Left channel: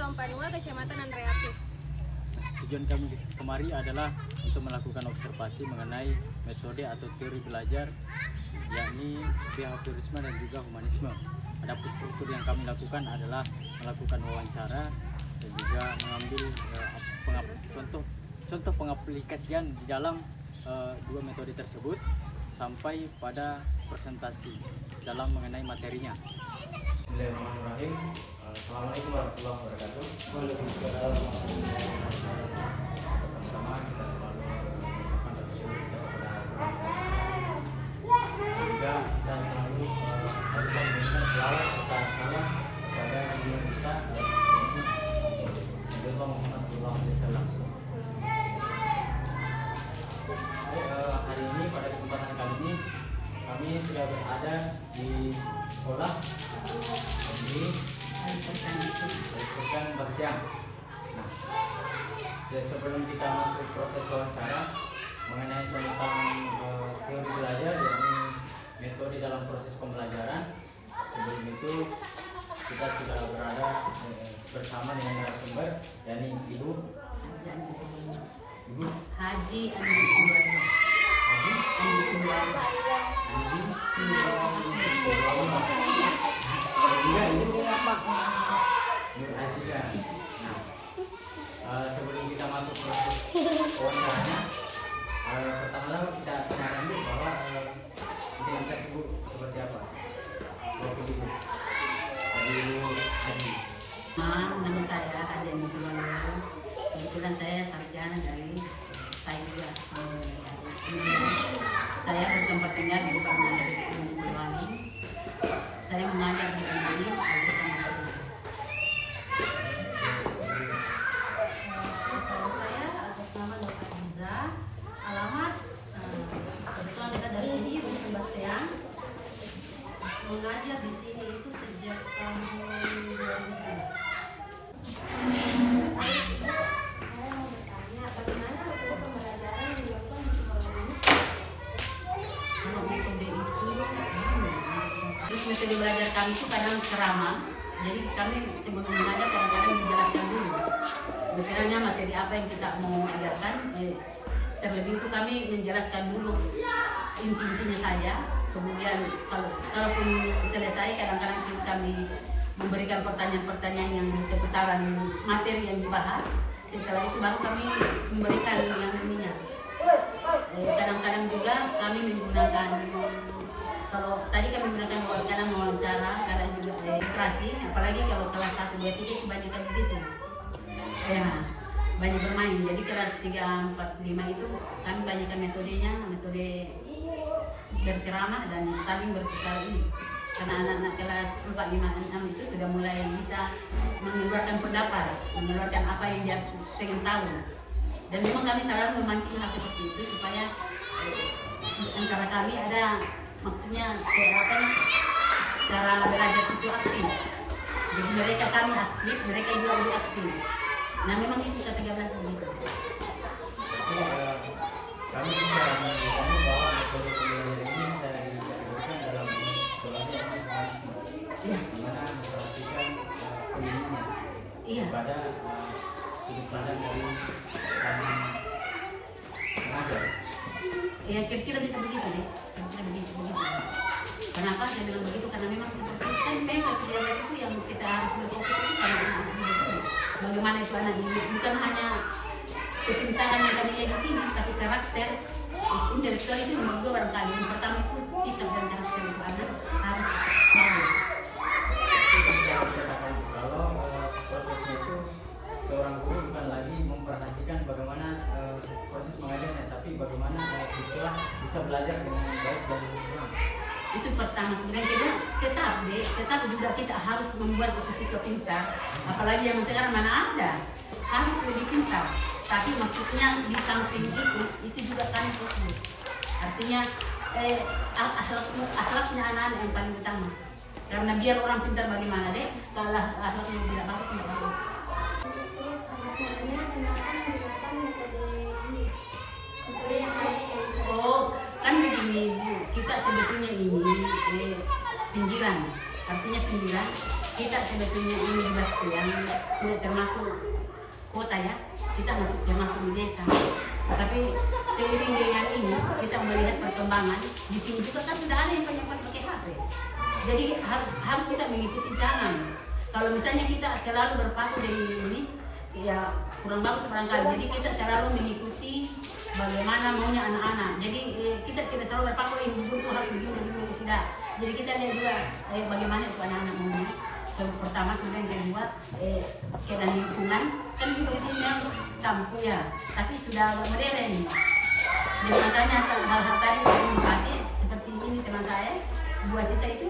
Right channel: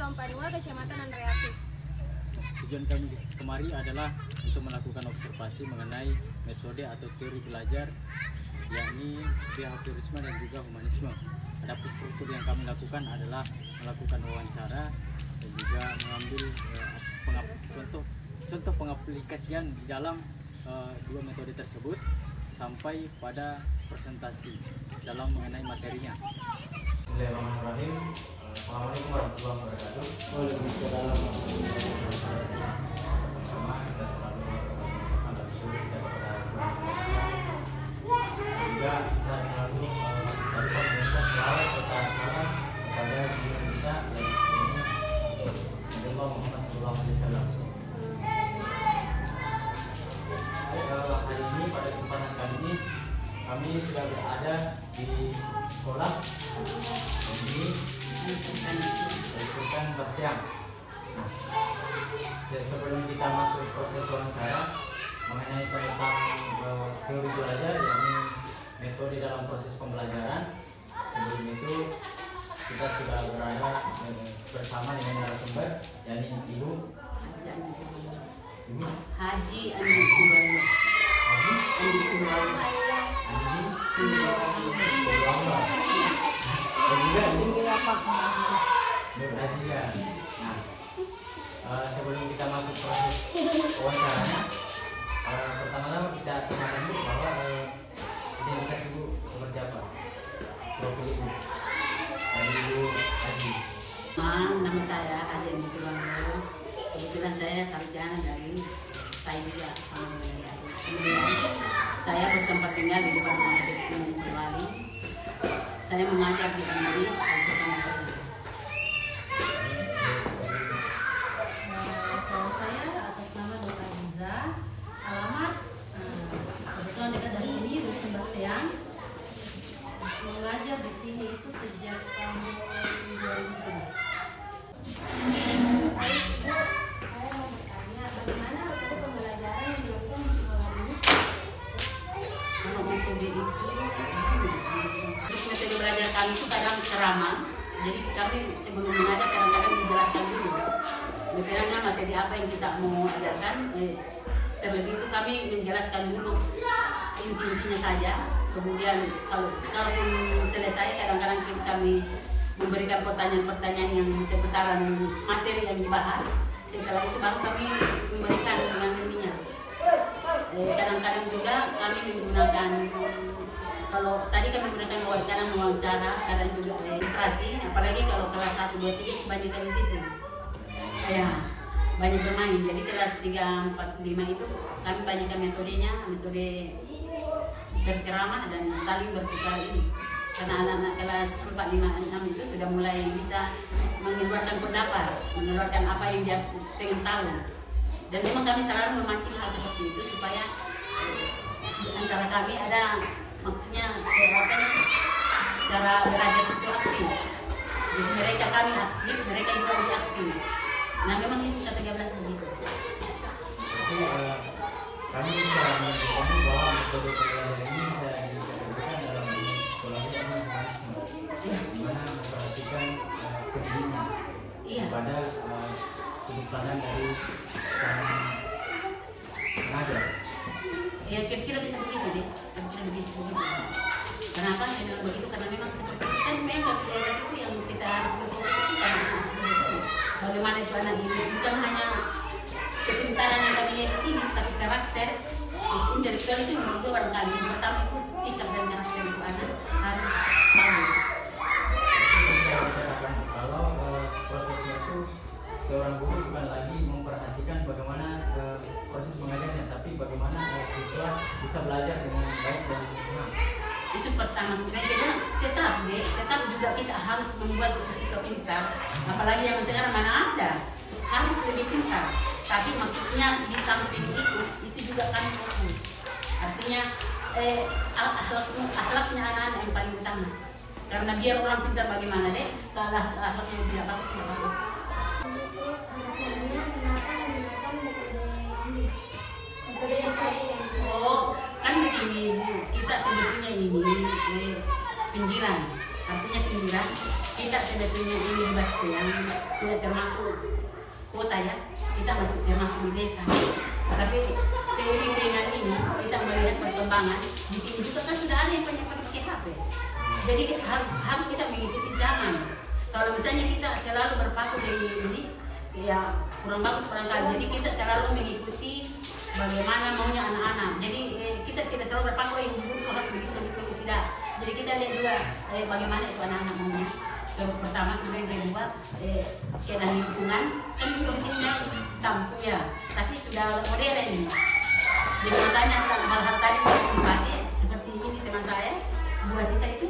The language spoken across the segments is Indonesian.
Dompanua, Kecamatan Andreapik. Tujuan kami kemari adalah untuk melakukan observasi mengenai metode atau teori belajar, yakni behaviorisme dan juga humanisme. Adapun struktur yang kami lakukan adalah melakukan wawancara dan juga mengambil contoh pengaplikasian di dalam dua metode tersebut sampai pada presentasi dalam mengenai materinya. Bismillahirrahmanirrahim. Assalamualaikum warahmatullahi wabarakatuh. Waalaikumsalam. Pertama kita selalu mengucapkan bersyukur kepada Tuhan dan juga kita selalu meminta selawat serta salam kepada junjungan kita Nabi Muhammad SAW. Hari ini pada kesempatan kali ini kami sudah berada di sekolah di Al-Quran Bersiang. Sebelum kita masuk proses wawancara mengenai tentang teori belajar, yakni metode dalam proses pembelajaran, sebelum itu kita sudah berada bersama dengan narasumber, yakni Ibu Haji Andi Sumarno. Dan juga Ibu Nur Aziza. Sebelum kita masuk proses wawancaranya, pertama-tama kita tanyakan dulu bahwa identitas Ibu seperti apa, profil Ibu dari Ibu Haji. Nama saya Haji Andi Sumarno. Kebetulan saya sarjana dari Taika sama wilayah. Kemudian saya bertempat tinggal di Departemen Teknik Boyolali. Saya mengajar di MI bersama saya. Saya atas nama Nur Aziza, alamat kebetulan dekat dari sini di Sebastian. Mengajar di sini itu sejak tahun 2013. Saya mau bertanya, bagaimana metode pembelajaran yang dilakukan di sekolah ini? Kalau metode itu, terus metode belajar kami itu kadang ceramah. Jadi kami sebelum mengajar kadang-kadang dijelaskan dulu. Misalnya materi apa yang kita mau ajarkan, terlebih itu kami menjelaskan dulu inti-intinya saja. Kemudian kalaupun selesai, kadang-kadang kami memberikan pertanyaan-pertanyaan yang seputaran materi yang dibahas. Setelah itu baru kami memberikan yang ininya. Kadang-kadang juga kami menggunakan, kalau tadi kami menggunakan wawancara, kadang juga ilustrasi, apalagi kalau kelas 1, 2, 3 kebanyakan di situ. Ya, banyak bermain. Jadi kelas 3, 4, 5 itu kami banyakkan metodenya, metode berceramah dan saling bertukar ini. Karena anak-anak kelas 4, 5, 6 itu sudah mulai bisa mengeluarkan pendapat, mengeluarkan apa yang dia pengen tahu. Dan memang kami selalu memancing hal seperti itu supaya antara kami ada, maksudnya apa nih, cara belajar itu aktif. Jadi kami aktif, mereka juga lebih aktif. Nah memang itu kata 13 begitu. Jadi kami bisa menunjukkan bahwa metode pembelajaran ini bisa diterapkan dalam sekolah yang humanisme, di mana memperhatikan pendidiknya pada sudut pandang dari sang pengajar. Ya kira-kira bisa begitu deh, kira-kira begitu. Kenapa saya bilang begitu? Karena memang seperti itu kan memang itu yang kita harus berfokus itu kan anak itu. Bagaimana itu anak ini bukan hanya kepintaran yang kami lihat di sini, tapi karakter. Intelektual itu nomor 2 barangkali. Yang pertama itu sikap dan karakter itu anak harus bagus. Saya katakan kalau prosesnya itu seorang guru bukan lagi memperhatikan bagaimana proses mengajarnya, tapi bagaimana siswa bisa belajar dengan baik dan senang. Itu pertama. Dan kita tetap juga kita harus membuat siswa pintar. Apalagi yang sekarang mana ada, harus lebih pintar. Tapi maksudnya di samping itu juga kan fokus. Artinya akhlaknya anak-anak yang paling utama. Karena biar orang pintar bagaimana deh, kalau akhlaknya tidak bagus, tidak bagus. Hasilnya kenapa menggunakan metode yang tadi yang Kan begini Bu, kita sebetulnya ini pinggiran. Artinya pinggiran, kita sebetulnya ini di Bastian tidak termasuk kota ya, kita masih termasuk di desa. Tapi seiring dengan ini kita melihat perkembangan di sini juga kan sudah ada yang banyak pakai HP. Jadi harus kita mengikuti zaman. Kalau misalnya kita selalu berpaku dari ini, ya kurang bagus barangkali. Jadi kita selalu mengikuti bagaimana maunya anak-anak. Jadi kita tidak selalu berpaku ibu harus begini tidak. Jadi kita lihat juga bagaimana itu anak-anak maunya. Pertama, kemudian kedua, kena lingkungan kan kalau di sini kampung ya, tapi sudah modern. Jadi makanya hal-hal tadi yang dipakai seperti ini teman saya, buah sisa itu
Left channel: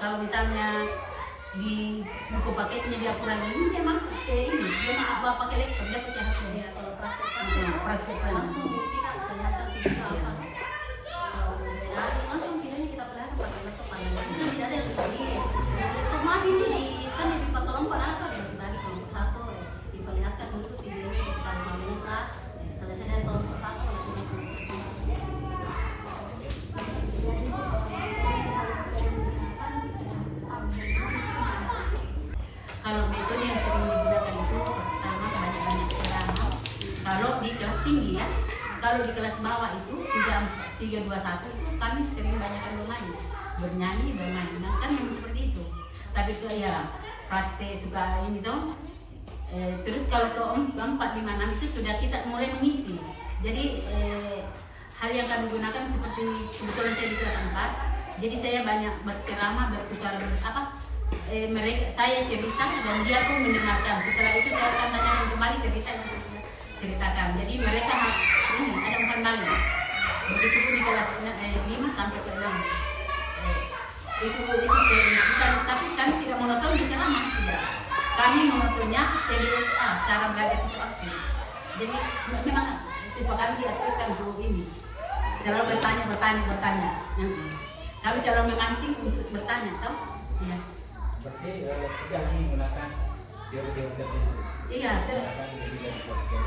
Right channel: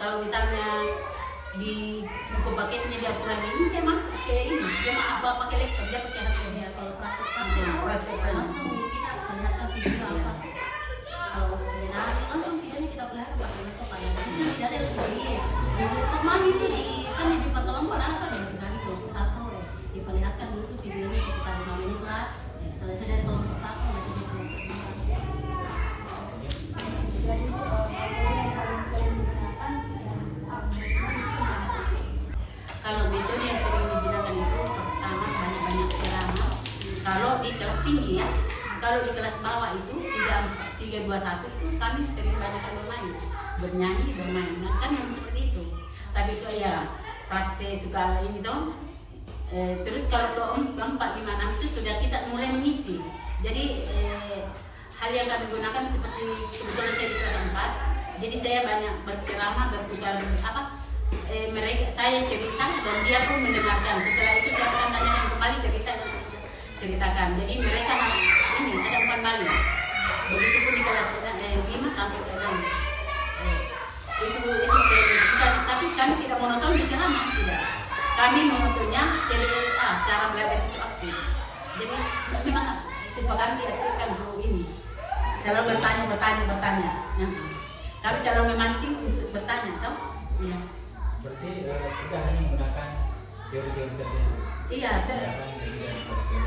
kalau misalnya di buku paketnya dia kurang ini, dia masuk ke ini, dia mau pakai laptop, dia pakai HP. Ya, kalau praktek Praktek langsung kita perlihatkan video apa. Kalau benar langsung videonya kita perlihatkan pakai laptop pada itu tidak ada yang sedih. Jadi laptop mah ini kan lebih patolong pada apa dari tadi kelompok satu diperlihatkan dulu tuh video ini sekitar 5 menit lah. Selesai dari kelompok satu selesai kelompok dua. Kalau metode yang sering digunakan itu pertama banyak ceramah. Kalau di kelas tinggi ya, kalau di kelas bawah itu 321 itu kami sering banyakkan bermain, bernyanyi, bermain. Nah, kan memang seperti itu. Tapi itu ya praktek suka ini tuh. Terus kalau ke 4, 5, 6 itu sudah kita mulai mengisi. Jadi hal yang kami gunakan seperti kebetulan saya di kelas 4. Jadi saya banyak berceramah, bertukar mereka saya cerita dan dia pun mendengarkan. Setelah itu saya akan tanyakan kembali cerita dan ceritakan. Jadi mereka ini ada umpan balik. Begitu pun di kelas 5 sampai ke 6. Itu kita, tapi kami tidak monoton di ceramah, tidak. Kami monotonnya CBSA, cara belajar siswa aktif. Jadi memang siswa kami diaktifkan guru ini. Selalu bertanya. Kami selalu memancing untuk bertanya, tahu? Iya. Berarti tidak hanya menggunakan teori-teori tertentu.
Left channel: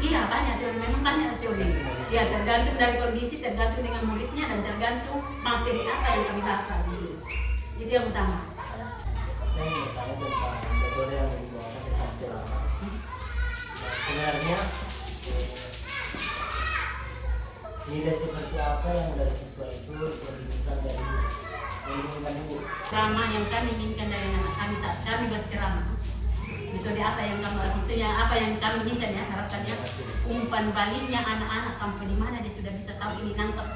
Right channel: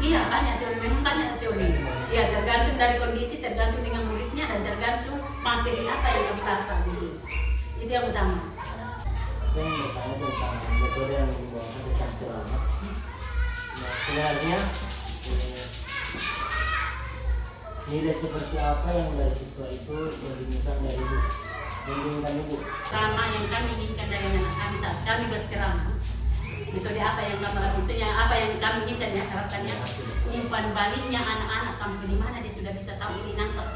Iya banyak teori, memang banyak teori. Iya, tergantung dari kondisi, tergantung dengan muridnya dan tergantung materi apa yang kami bahas gitu. Itu yang utama. Saya ingin tanya tentang metode yang digunakan tentang ceramah. Nah, sebenarnya nilai seperti apa yang dari siswa itu yang diinginkan dari ibu? Ceramah yang kami inginkan dari anak kami saat kami berceramah, metode apa yang kami lakukannya, apa yang kami inginkan ya, harapannya umpan baliknya anak-anak sampai di mana dia sudah bisa tahu ini nangkap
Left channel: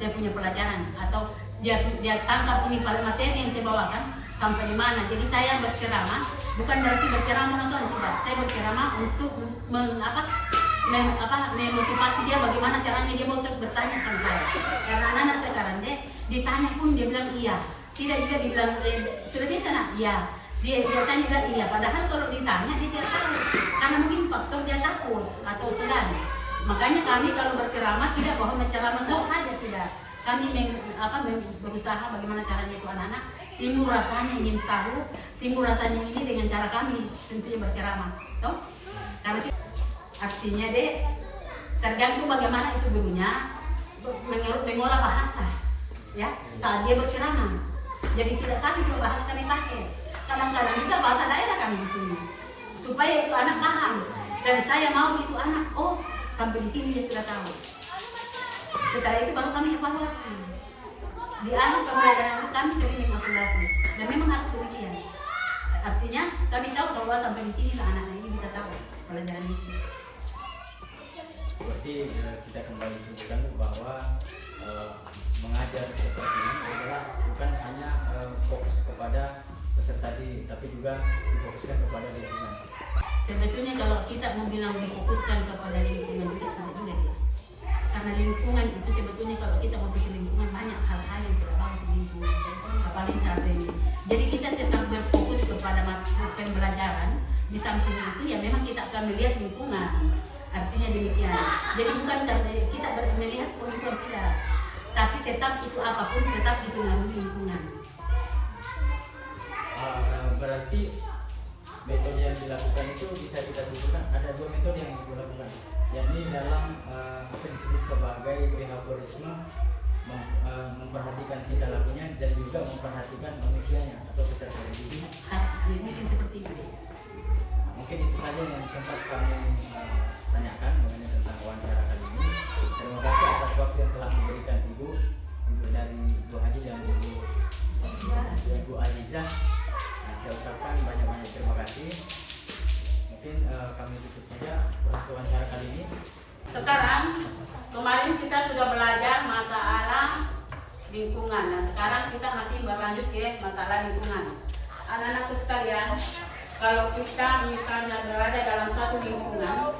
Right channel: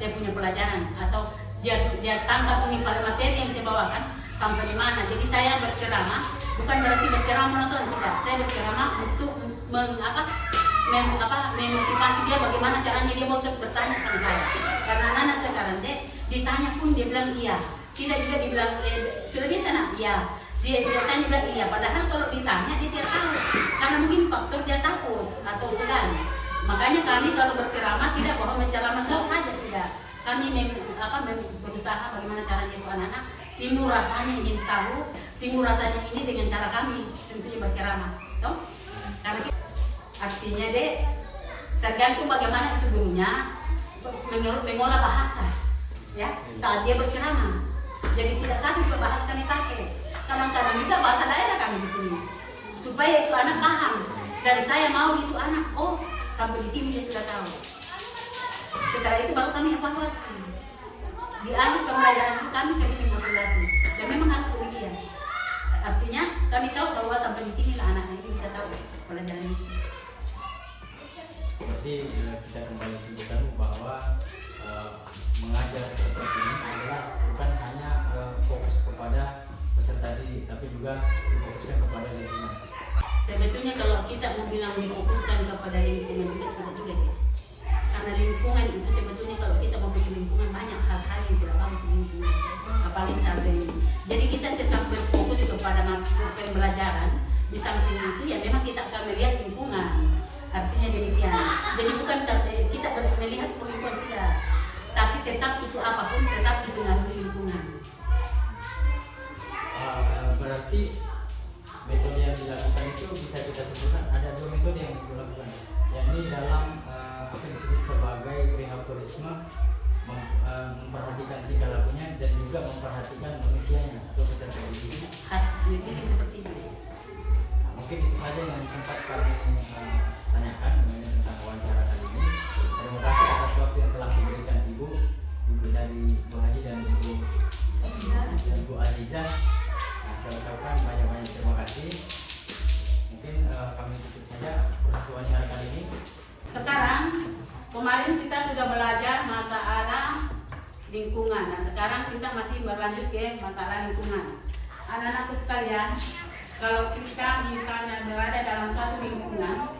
saya punya pelajaran, atau dia tangkap ini materi yang saya bawakan sampai di mana. Jadi saya berceramah bukan berarti berceramah monoton, tidak. Saya berceramah untuk memotivasi dia bagaimana caranya dia mau bertanya sama saya. Karena anak-anak sekarang ditanya pun dia bilang iya, tidak juga dibilang sudah biasa nak iya, dia tanya juga iya. Padahal kalau ditanya dia tidak tahu, karena mungkin faktor dia takut atau segan. Makanya kami kalau berceramah tidak bohong berceramah jauh saja, tidak. Kami berusaha bagaimana caranya itu anak-anak timbul rasanya ingin tahu, timbul rasanya ini dengan cara kami tentunya berceramah, tahu? Karena artinya tergantung bagaimana itu gurunya mengolah bahasa. Ya, saat dia berceramah, jadi tidak satu bahasa kami pakai. Kadang-kadang juga bahasa daerah kami di sini, supaya itu anak paham. Dan saya mau itu anak, oh sampai di sini dia sudah tahu. Setelah itu baru kami evaluasi. Di akhir pembelajaran itu kami sering evaluasi. Dan memang harus demikian. Artinya kami tahu bahwa sampai di sini anak ini bisa tahu pelajaran itu. Jadi kita kembali simpulkan bahwa mengajar seperti ini adalah bukan hanya fokus kepada peserta didik, tapi juga difokuskan kepada lingkungan. Sebetulnya kalau kita mau bilang difokuskan kepada lingkungan itu tidak juga deh. Karena lingkungan itu sebetulnya kalau kita mau bikin lingkungan banyak hal-hal yang tidak bagus di lingkungan, apalagi saat ini. Jadi kita tetap berfokus kepada pembelajaran. Di samping itu ya memang kita akan melihat lingkungan. Artinya demikian. Jadi bukan kita melihat lingkungan tidak, tapi tetap itu apapun tetap dipengaruhi lingkungan. Berarti metode yang dilakukan itu bisa kita sebutkan ada 2 metode yang dilakukan, yakni dalam apa disebut sebagai behaviorisme, memperhatikan tingkah lakunya dan juga memperhatikan manusianya atau secara individu. Bikin seperti itu. sempat kami tanyakan mengenai tentang wawancara kali ini. Terima kasih atas waktu yang telah diberikan Ibu dari Bu Haji dan Ibu Azizah. Nah, saya ucapkan banyak-banyak terima kasih. Mungkin kami tutup saja proses wawancara kali ini. Sekarang kemarin kita sudah belajar masalah lingkungan. Nah, sekarang kita masih berlanjut ke masalah lingkungan. Anak-anakku sekalian, kalau kita misalnya berada dalam satu lingkungan,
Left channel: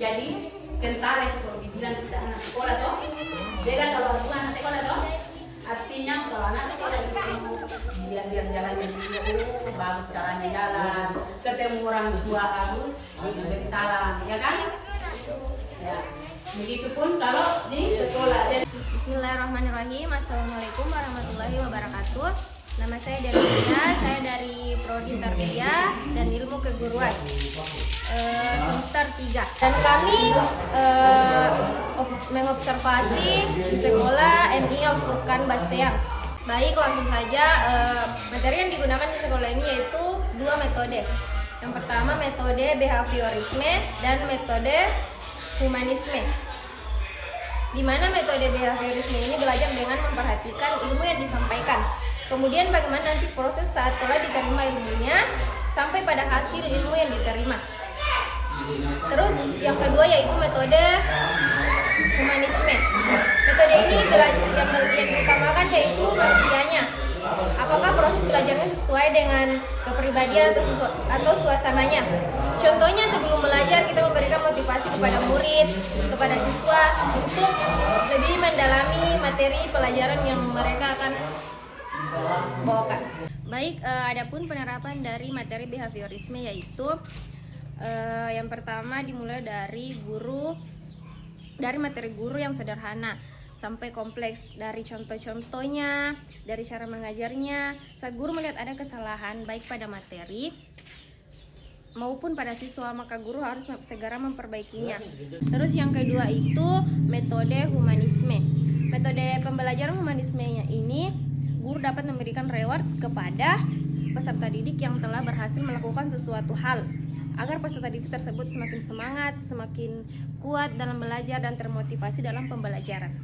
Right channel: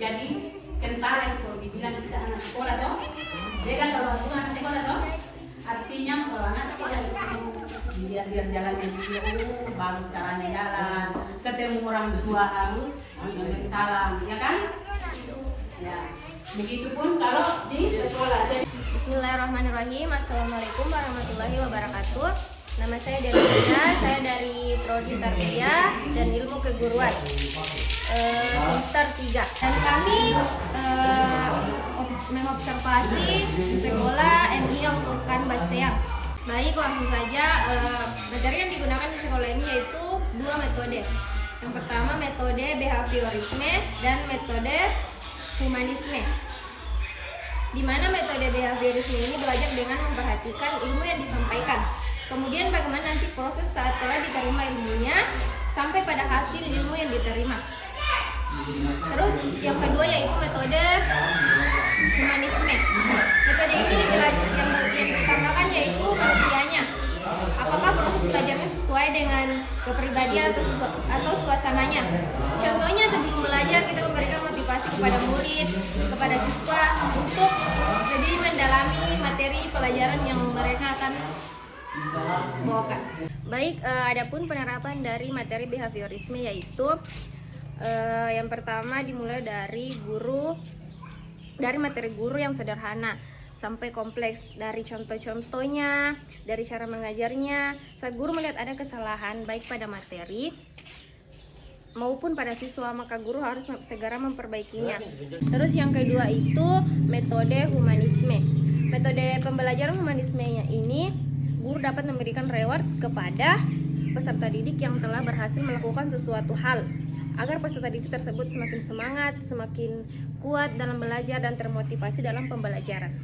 jadi tentara itu kalau dibilang tidak anak sekolah toh, dia kan kalau bukan anak sekolah toh, artinya kalau anak sekolah itu dia jalan bagus caranya jalan, ketemu orang tua harus beri salam, ya kan? Ya, begitupun kalau di sekolah. Bismillahirrahmanirrahim. Assalamualaikum warahmatullahi wabarakatuh. Nama saya Denulia, saya dari Prodi Tarbiyah dan Ilmu Keguruan semester 3. Dan kami mengobservasi di sekolah MI Al-Furqan Baseang. Baik, langsung saja. Materi yang digunakan di sekolah ini yaitu 2 metode. Yang pertama metode behaviorisme dan metode humanisme. Di mana metode behaviorisme ini belajar dengan memperhatikan ilmu yang disampaikan. Kemudian bagaimana nanti proses saat telah diterima ilmunya sampai pada hasil ilmu yang diterima. Terus yang kedua yaitu metode humanisme. Metode ini yang diutamakan yaitu manusianya. Apakah proses belajarnya sesuai dengan kepribadian atau suasananya. Contohnya sebelum belajar kita memberikan motivasi kepada murid, kepada siswa untuk lebih mendalami materi pelajaran yang mereka akan bawakan. Baik, adapun penerapan dari materi behaviorisme yaitu yang pertama dimulai dari materi guru yang sederhana sampai kompleks, dari contoh-contohnya, dari cara mengajarnya. Saat guru melihat ada kesalahan baik pada materi maupun pada siswa, maka guru harus segera memperbaikinya. Terus yang kedua itu metode humanisme. Metode pembelajaran humanismenya ini guru dapat memberikan reward kepada peserta didik yang telah berhasil melakukan sesuatu hal agar peserta didik tersebut semakin semangat, semakin kuat dalam belajar dan termotivasi dalam pembelajaran.